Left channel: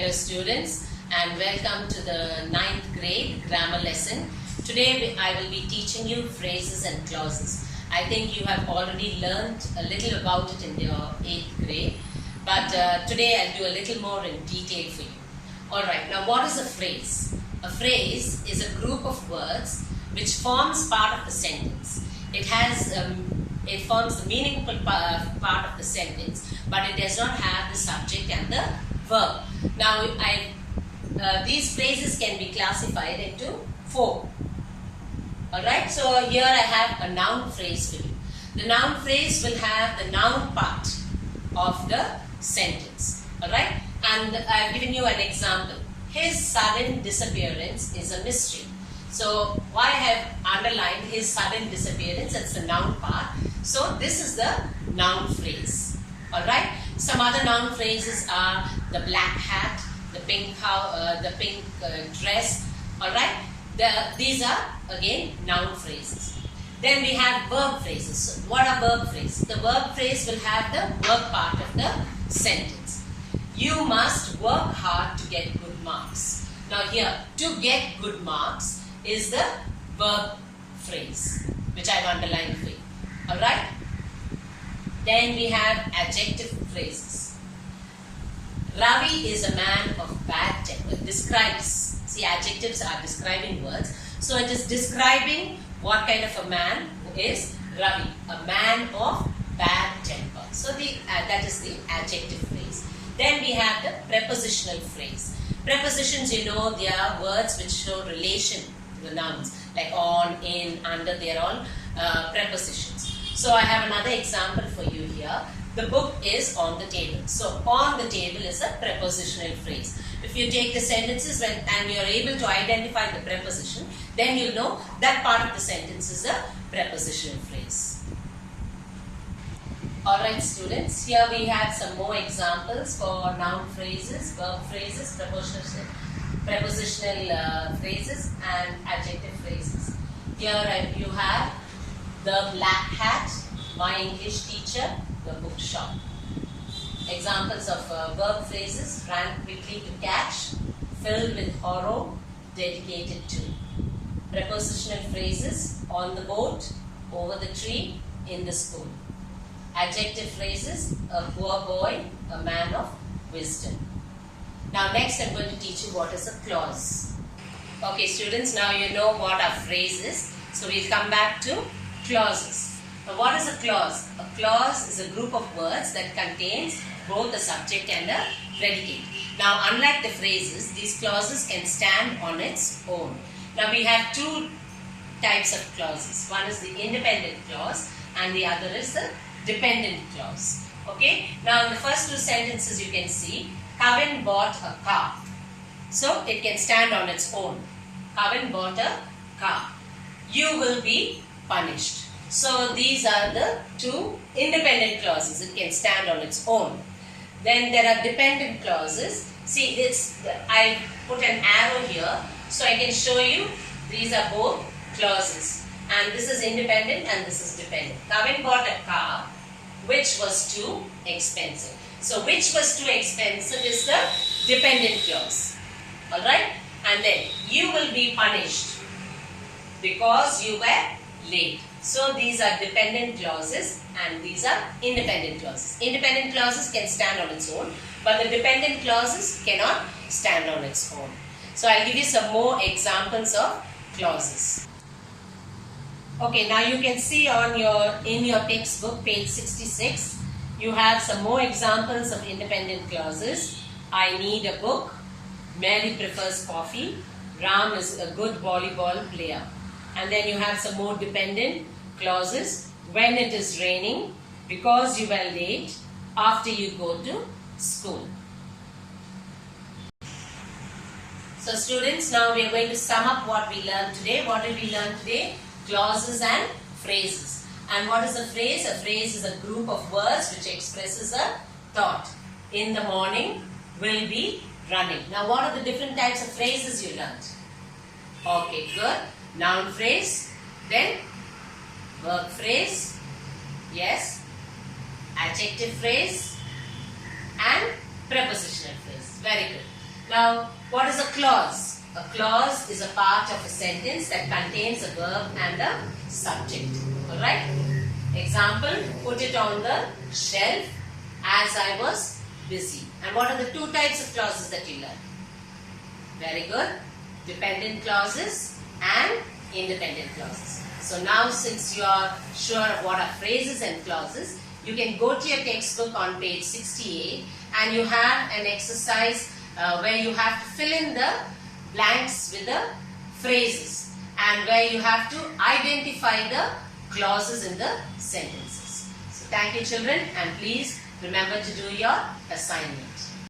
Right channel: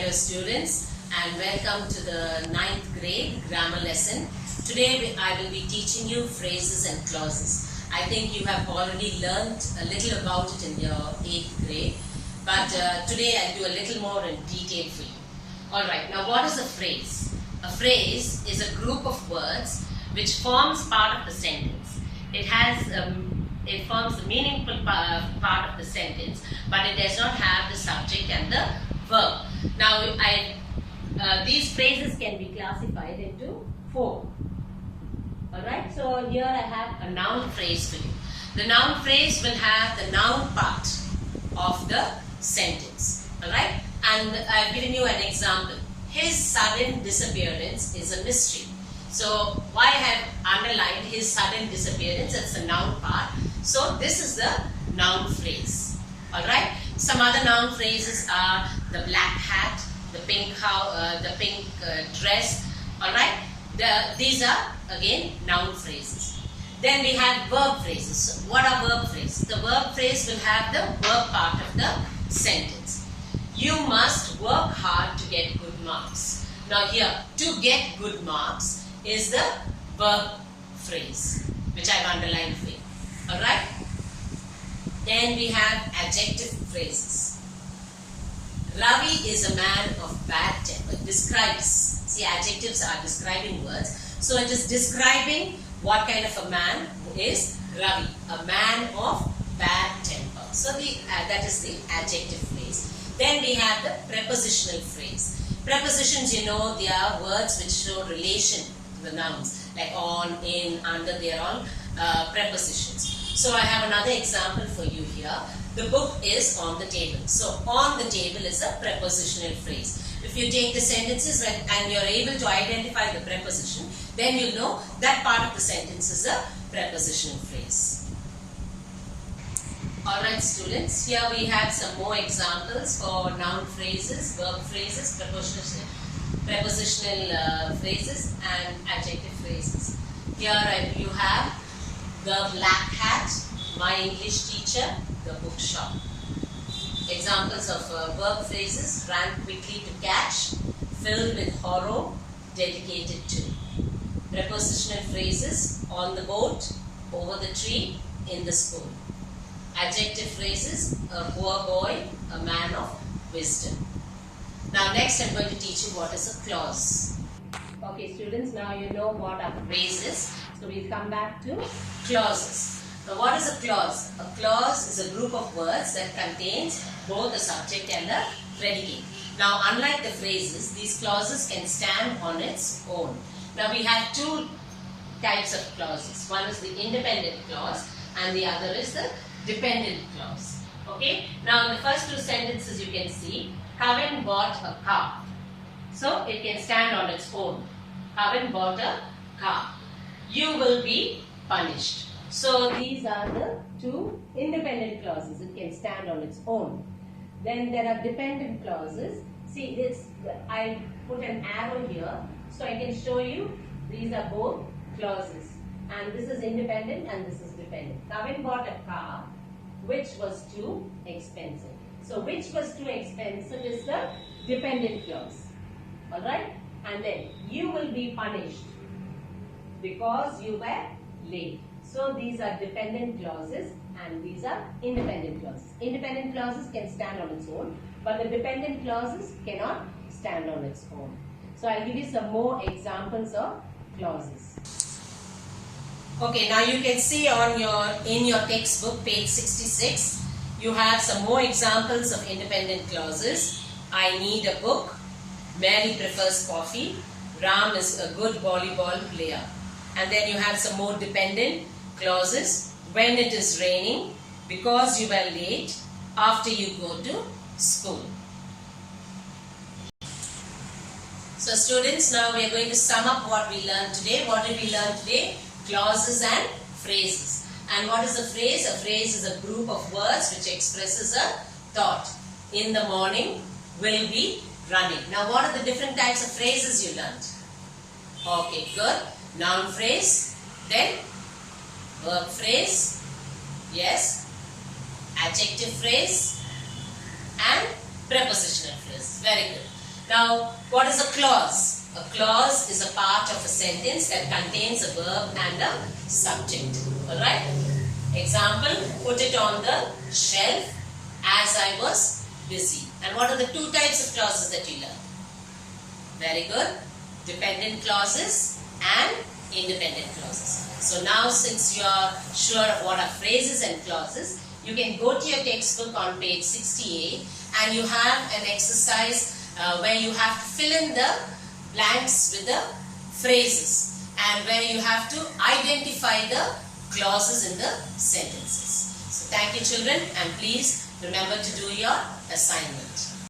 Hello students, and welcome to the 9th grade grammar lesson. Today I will be teaching you phrases and clauses. I think you have already learned a little about it in your 8th grade, but today I'll do a little more in detail for you. Alright, now what is a phrase? A phrase is a group of words which forms part of the sentence. It forms the meaningful part of the sentence, but it does not have the subject and the verb. Now, these phrases can be classified into 4. Alright, so here I have a noun phrase for you. The noun phrase will have the noun part of the sentence. Alright, and I have given you an example. His sudden disappearance is a mystery. So, why I have underlined his sudden disappearance? It's the noun part. So, this is the noun phrase. Alright, some other noun phrases are the black hat, the pink dress. Alright, these are again noun phrases. Then we have verb phrases. So, what are verb phrases? The verb phrase will have the verb part of the sentence. You must work hard to get good marks. Now here, to get good marks is the verb phrase, which I have underlined for you. Alright? Then we have adjective phrases. Ravi is a man of bad temper. Describes. See, adjectives are describing words. So it is describing what kind of a man is Ravi. A man of bad temper. So that is the adjective phrase. Then we have the prepositional phrase. Prepositions, you know, they are words which show relation to the nouns. Like on, in, under, they are all prepositions. So I have another example for you here. The book is on the table. So on the table is a prepositional phrase. If you take the sentences and you are able to identify the preposition, then you will know that part of the sentence is a prepositional phrase. Alright students, here we have some more examples for noun phrases, verb phrases, prepositional phrases and adjective phrases. Here you have the black hat, my English teacher, the bookshop. Examples of verb phrases: ran quickly to catch, filled with horror, dedicated to. Prepositional phrases: on the boat, over the tree, in the school. Adjective phrases: a poor boy, a man of wisdom. Now next I am going to teach you what is a clause. Okay students, now you know what are phrases. So we'll come back to clauses. Now what is a clause? A clause is a group of words that contains both a subject and a predicate. Now unlike the phrases, these clauses can stand on its own. Now we have two types of clauses. One is the independent clause and the other is the dependent clause. Okay. Now in the first two sentences you can see Kevin bought a car. So it can stand on its own. Kevin bought a car. You will be punished. So these are the two independent clauses. It can stand on its own. Then there are dependent clauses. See, I put an arrow here so I can show you these are both clauses. And this is independent and this is dependent. Kevin bought a car which was too expensive. So which was too expensive is the dependent clause. Alright? And then you will be punished because you were late. So these are dependent clauses and these are independent clauses. Independent clauses can stand on its own, but the dependent clauses cannot stand on its own. So I'll give you some more examples of clauses. Okay, now you can see in your textbook, page 66, you have some more examples of independent clauses. I need a book. Mary prefers coffee. Ram is a good volleyball player. And then you have some more dependent clauses. When it is raining, because you were late, after you go to school. So students, now we are going to sum up what we learned today. What did we learn today? Clauses and phrases. And what is a phrase? A phrase is a group of words which expresses a thought. In the morning, will be running. Now what are the different types of phrases you learned? Okay, good. Noun phrase, then verb phrase, yes, adjective phrase and prepositional phrase. Very good. Now, what is a clause? A clause is a part of a sentence that contains a verb and a subject. Alright? Example, put it on the shelf as I was busy. And what are the two types of clauses that you learned? Very good. Dependent clauses and independent clauses. So now, since you are sure of what are phrases and clauses, you can go to your textbook on page 68 and you have an exercise where you have to fill in the blanks with the phrases and where you have to identify the clauses in the sentences. So thank you children, and please remember to do your assignment.